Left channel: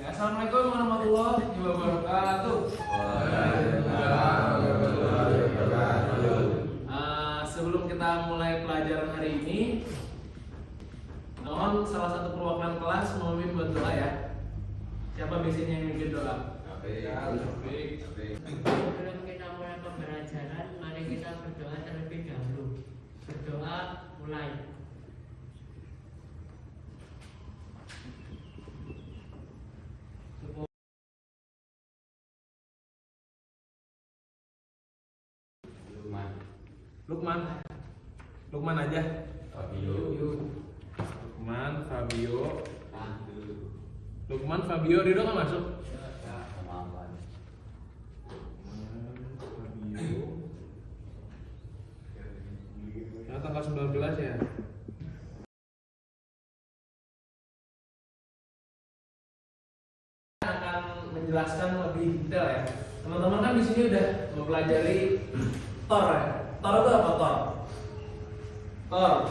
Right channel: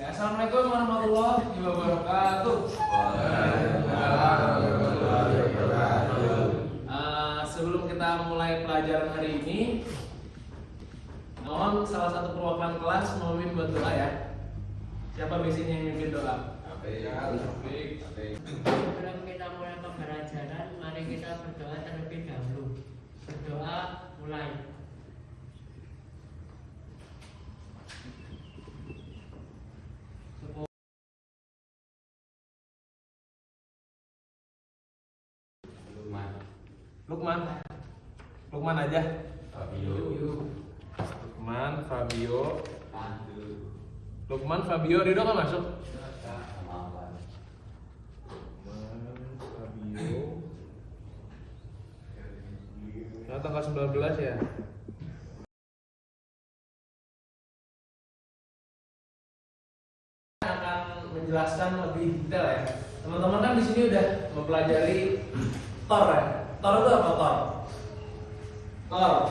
Assalamualaikum warahmatullahi wabarakatuh. Sebelum kita mulai pelajaran hari ini, mohon salah satu perwakilan kelas memimpin berdoa ya. Siapa biasanya yang memimpin doa? Sebelum kita mulai pembelajaran, mari kita berdoa terlebih dahulu. Berdoa mulai. Lukman aja. Lukman, Fabio, Ridho kan masuk? Nah, tanggal 19 ya. Akan menjelaskan lebih detail ya. Teman-teman kan di sini udah mempelajari Thor ya. Thor itu apa Thor? Thor.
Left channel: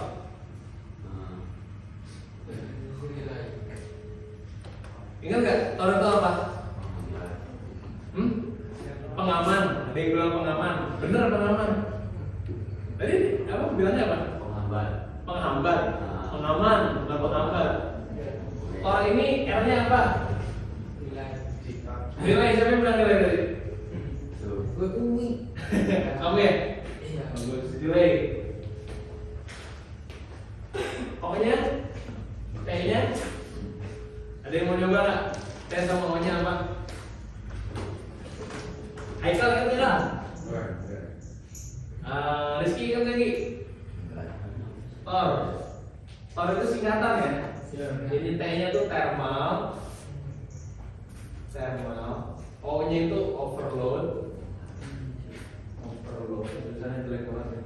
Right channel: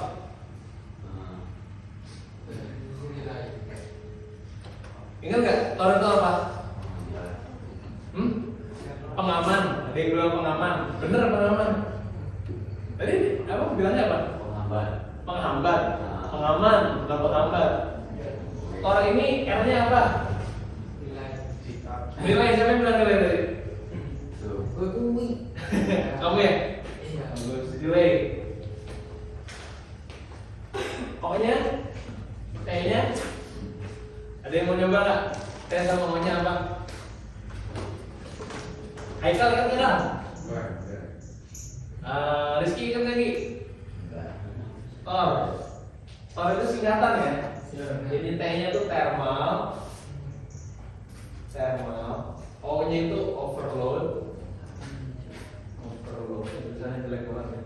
Ingat nggak Thor itu apa? Pengaman. Ada yang bilang pengaman. Bener pengaman. Tadi apa bilangnya apa? Penghambat. Pengaman, bukan penghambat. Thor ini R-nya apa? Nilai, siapa yang bilang nilai tadi? Kamu ya? Nilai. Pokoknya, kayaknya ada yang mau coba nggak? Tes sama maunya apa? Haikal kan bilang? Rizky kan lagi? Thor itu singkatan ya? Jadi T-nya itu thermal, O-nya itu overload, misalnya jelek banget ya.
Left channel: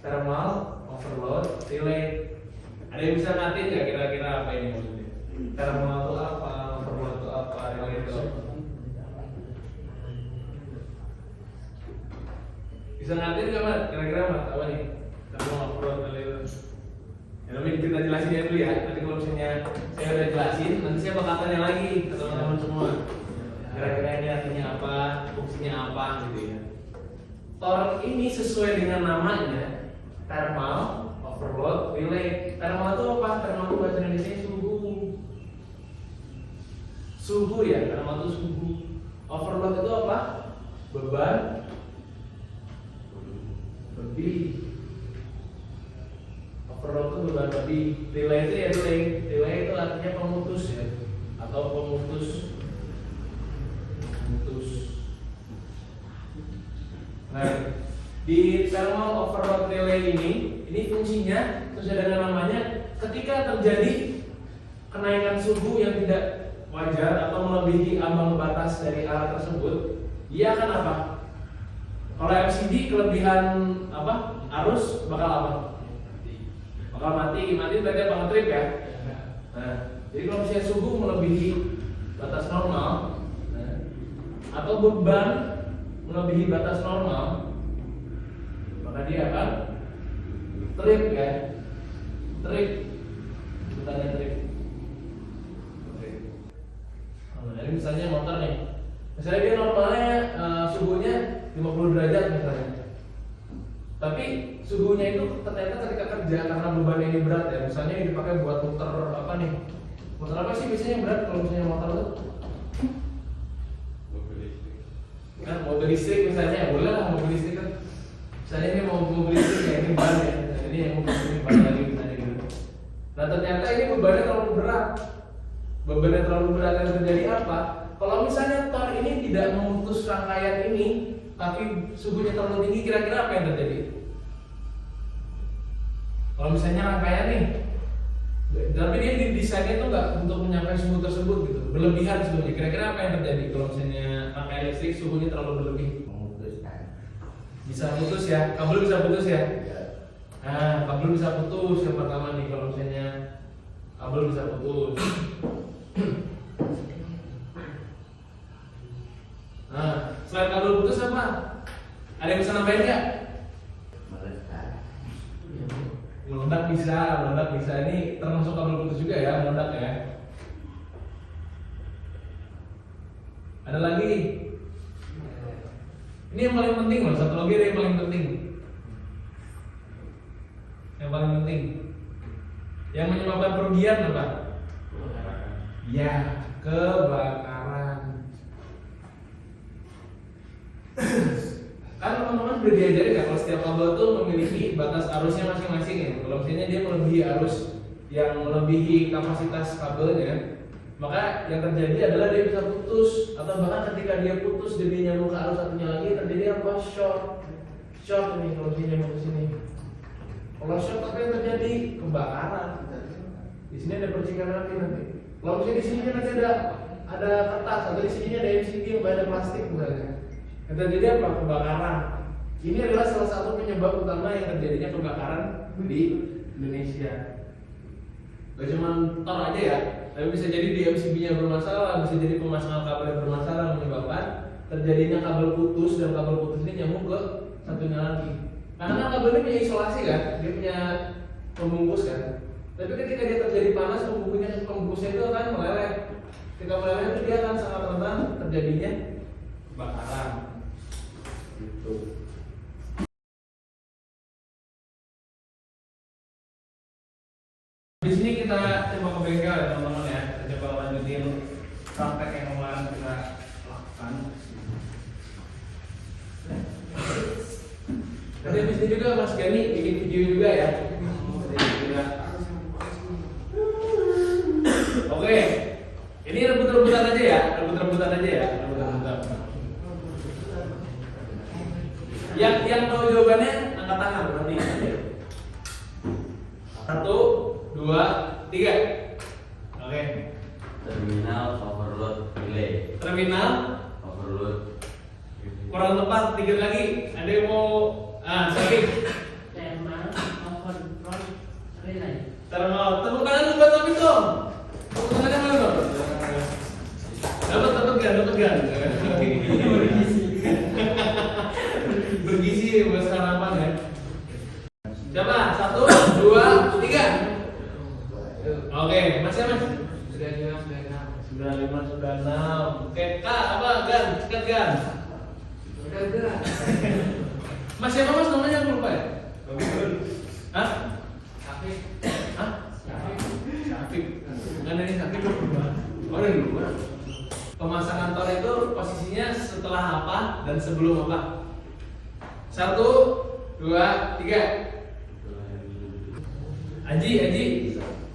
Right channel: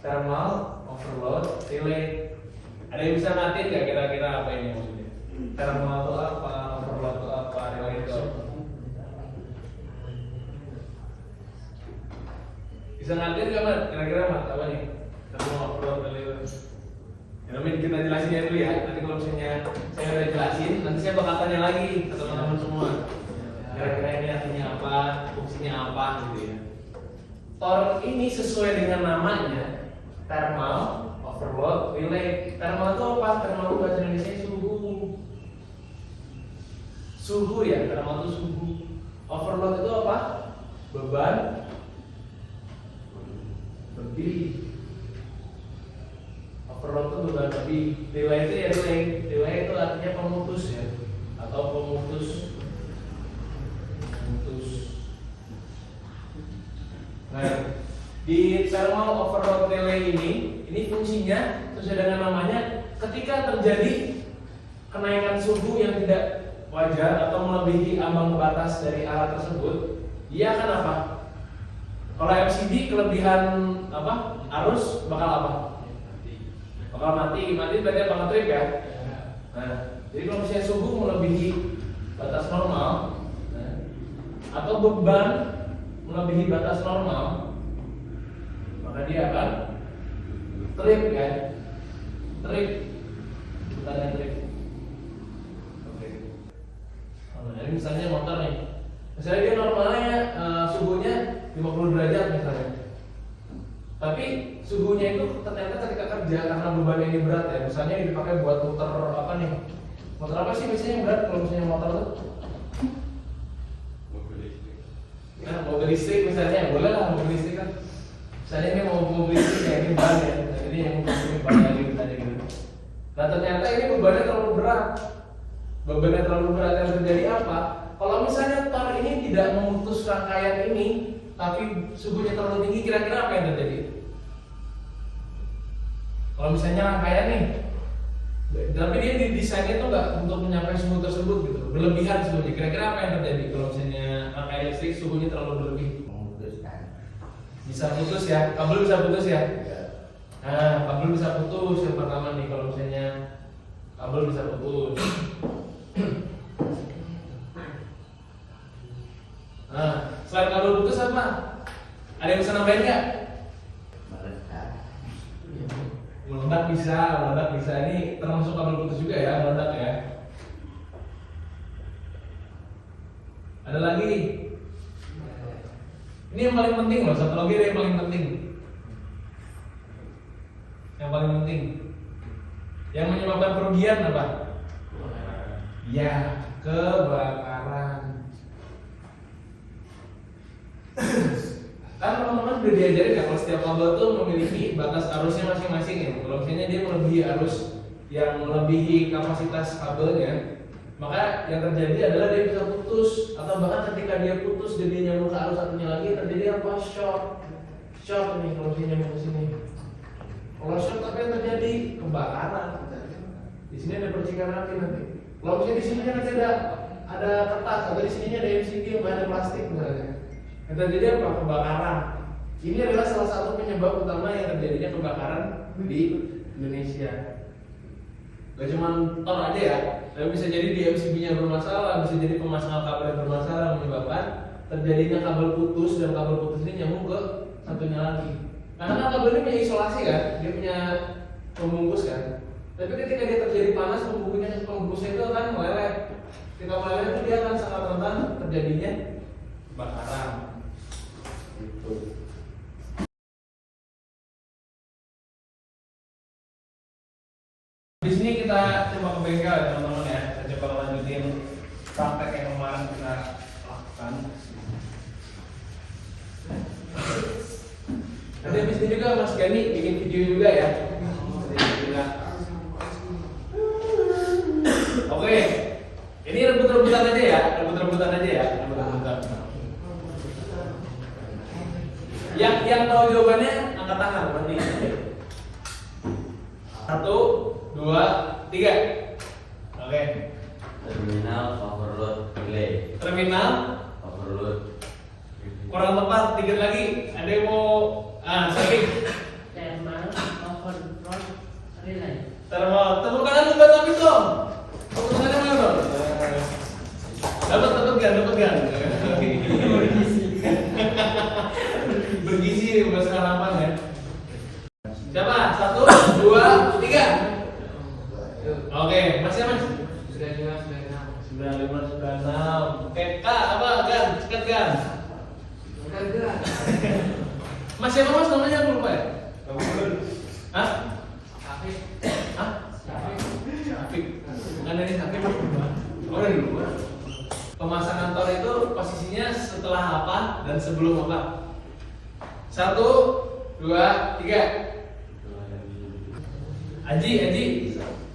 Thermal, overload, relate. Ada yang bisa natin nggak kira-kira apa ini maksudnya? Thermal itu apa, overload itu apa, relate itu apa? Bisa natin nggak Mat? Kira-kira Mat apa nih? Thermal, overload, relate. Ya, tapi kita jelasin ya dulu ya. Nanti kalau misalnya saya udah jelasin, nanti saya bakal tanya lagi ke teman-teman semua. Kira-kira ini artinya apa, fungsinya apa gitu ya. Thor ini sesuai dengan namanya, thermal, overload, relate. Thermal itu apa? Thermal itu bahasa Indonesia suhu. Suhu ya, thermal itu suhu. Overload itu apa? Beban lebih. Overload itu beban lebih. Relay itu ya relay itu artinya pemutus ya, atau pemutus. Nah, di thermal overload relay ini fungsinya sesuai dengan namanya, ketika terjadi kenaikan suhu yang tidak wajar atau melebihi ambang batas dari alat tersebut, dia akan apa? Kalau MCD kelebihan apa? Arus bakal apa? Bakal mati berarti apa ngetrip ya? Nah, jadi kalau misalnya suhu melebihi batas normal, atau beban melebihi batas normal, maka dia akan trip ya, trip, bukannya trip. Oke. Nah, ini misalnya motor nih, misalnya dia normalnya suhunya 50 derajat misalnya, tapi suhunya itu ternyata ketika kerja karena beban ini berat ya, misalnya ini dipakai buat muter apa nih, motor apa sih biasanya yang berat kalau misalnya motor itu? Nah, mobil listrik misalnya, boleh lah mobil listrik kan. Misalnya ini mau mobil listrik ya, ini ban ya, ini yang mobil ban lagi ditanya gitu. Nah ternyata ini bebannya terlalu berat. Bebannya terlalu berat yang terjadi apa? Kalau misalnya Thor ini tidak memutus rangkaian ini, tapi suhunya terlalu tinggi, kira-kira apa yang terjadi? Kalau misalnya rangkaian nih, tapi dia didesainnya tuh nggak untuk menyampai suhu tersebut gitu, berlebihan suhunya. Kira-kira apa yang terjadi kalau misalnya rangkaian listrik suhunya terlalu berlebih? Bisa putus ya, kabel bisa putus ya. Nah, kabel bisa putus yang pertama nih, kalau misalnya kabel bisa putus. Nah, selain kabel putus apa? Ada yang bisa nambahin nggak? Meledak bisa. Ini termasuk kabel putus juga ya, meledak ya. Ada lagi. Ini yang paling penting loh, satu lagi ada yang paling penting. Yang paling penting. Yang menyebabkan kerugian apa? Ya, kebakaran. Kan teman-teman udah diajarin ya kalau setiap kabel tuh memiliki batas arusnya masing-masing ya. Kalau misalnya dia melebihi arus yang melebihi kapasitas kabelnya, maka yang terjadi adalah dia bisa putus, atau bahkan ketika dia putus dan dia nyambung ke arus satunya lagi terjadi apa? Short nih kalau dia nyambung ke sini. Kalau short apa yang terjadi? Kebakaran. Di sini ada percikan api nanti. Kalau misalnya di sini kan nanti ada kertas, atau di sini ada MCB yang bahan plastik misalnya. Yang terjadi apa? Kebakaran. Ini adalah salah satu penyebab utama yang terjadinya kebakaran di Indonesia. Gak cuma tor aja ya, tapi bisa jadi di MCB-nya bermasalah, bisa jadi pemasangan kabel bermasalah menyebabkan terjadinya kabel putus, dan kabel putus ini nyambung ke satunya lagi. Karena kan kabel ini punya isolasi kan, dia punya pembungkus kan. Tapi ketika dia terjadi panas, pembungkusnya itu akan meleleh. Ketika meleleh itu dia akan sangat rentan terjadinya kebakaran. Gitu. Di sini kita coba ke bengkel ya teman-teman ya. Kita coba lanjutin praktek yang kemarin kita lakukan. Nanti di sini juga Mas Gani bikin video juga ya. Oke, ini rebut-rebutan aja ya, rebut-rebutan aja ya, rebut-rebutan. Yang tahu jawabannya angkat tangan berarti. 1, 2, 3. Oke. Terminal overload relay. Terminal Overload. kurang tepat, dikit lagi. Ada yang mau sorry. Thermal overload relay. Thermal. Tepuk tangan lu buat Tapi dong. Tepuk tangan mana dong? Dapat gan. Bergizi buat sarapan ya. Coba 1, 2, 3. Oke, masih mas. 9596. Oke, Kak, apa gan? Cekat gan. Mas siapa mas namanya aku lupa ya? Hah? Safik. Bukan dari Safik. Oh dari luar. Pemasangan tor itu posisinya setelah apa dan sebelum apa? 1, 2, 3. Aji.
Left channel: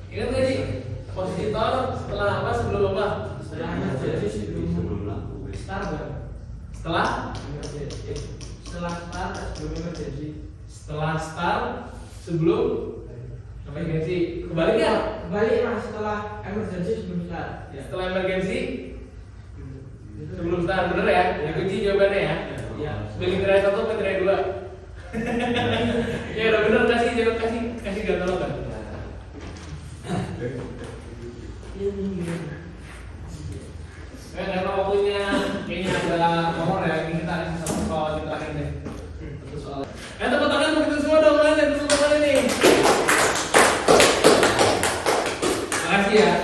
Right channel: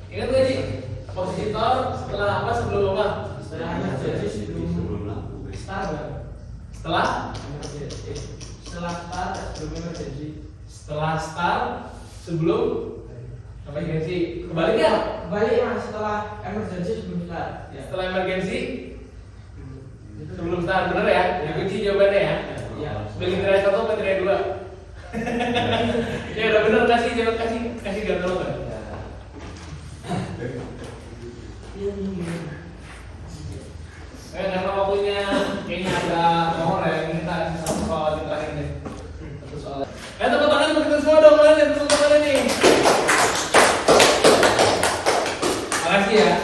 Ingat gak Ji? Posisi tor setelah apa sebelum apa? Setelah start sebelum apa emergency? Kebalik ya? Kembali mas, setelah emergency sebelum start. Setelah emergency sebelum start, bener ya? Dikunci jawabannya ya? Iya. Pilih tirai 1 atau tirai 2? Ya udah bener, kasih gantung kan? Karena waktunya kayaknya ada mohon ya, ini kita kasih satu soal yang terakhir deh. Satu soal. Tepuk tangan untuk kita semua dong, mana tepuk tangan nih. Makasih ya.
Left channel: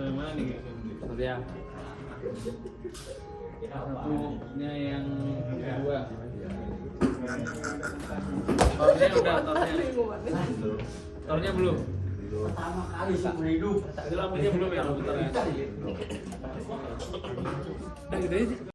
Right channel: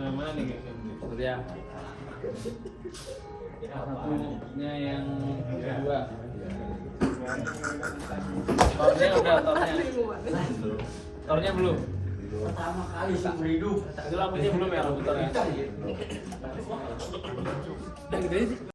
Sama mana nih guys? Surya. Yang kedua. Tornya udah, tornya belum. Pertama kali seumur hidup. Itu lampunya belum ya, lampu tornya. Udah gitu aja sih.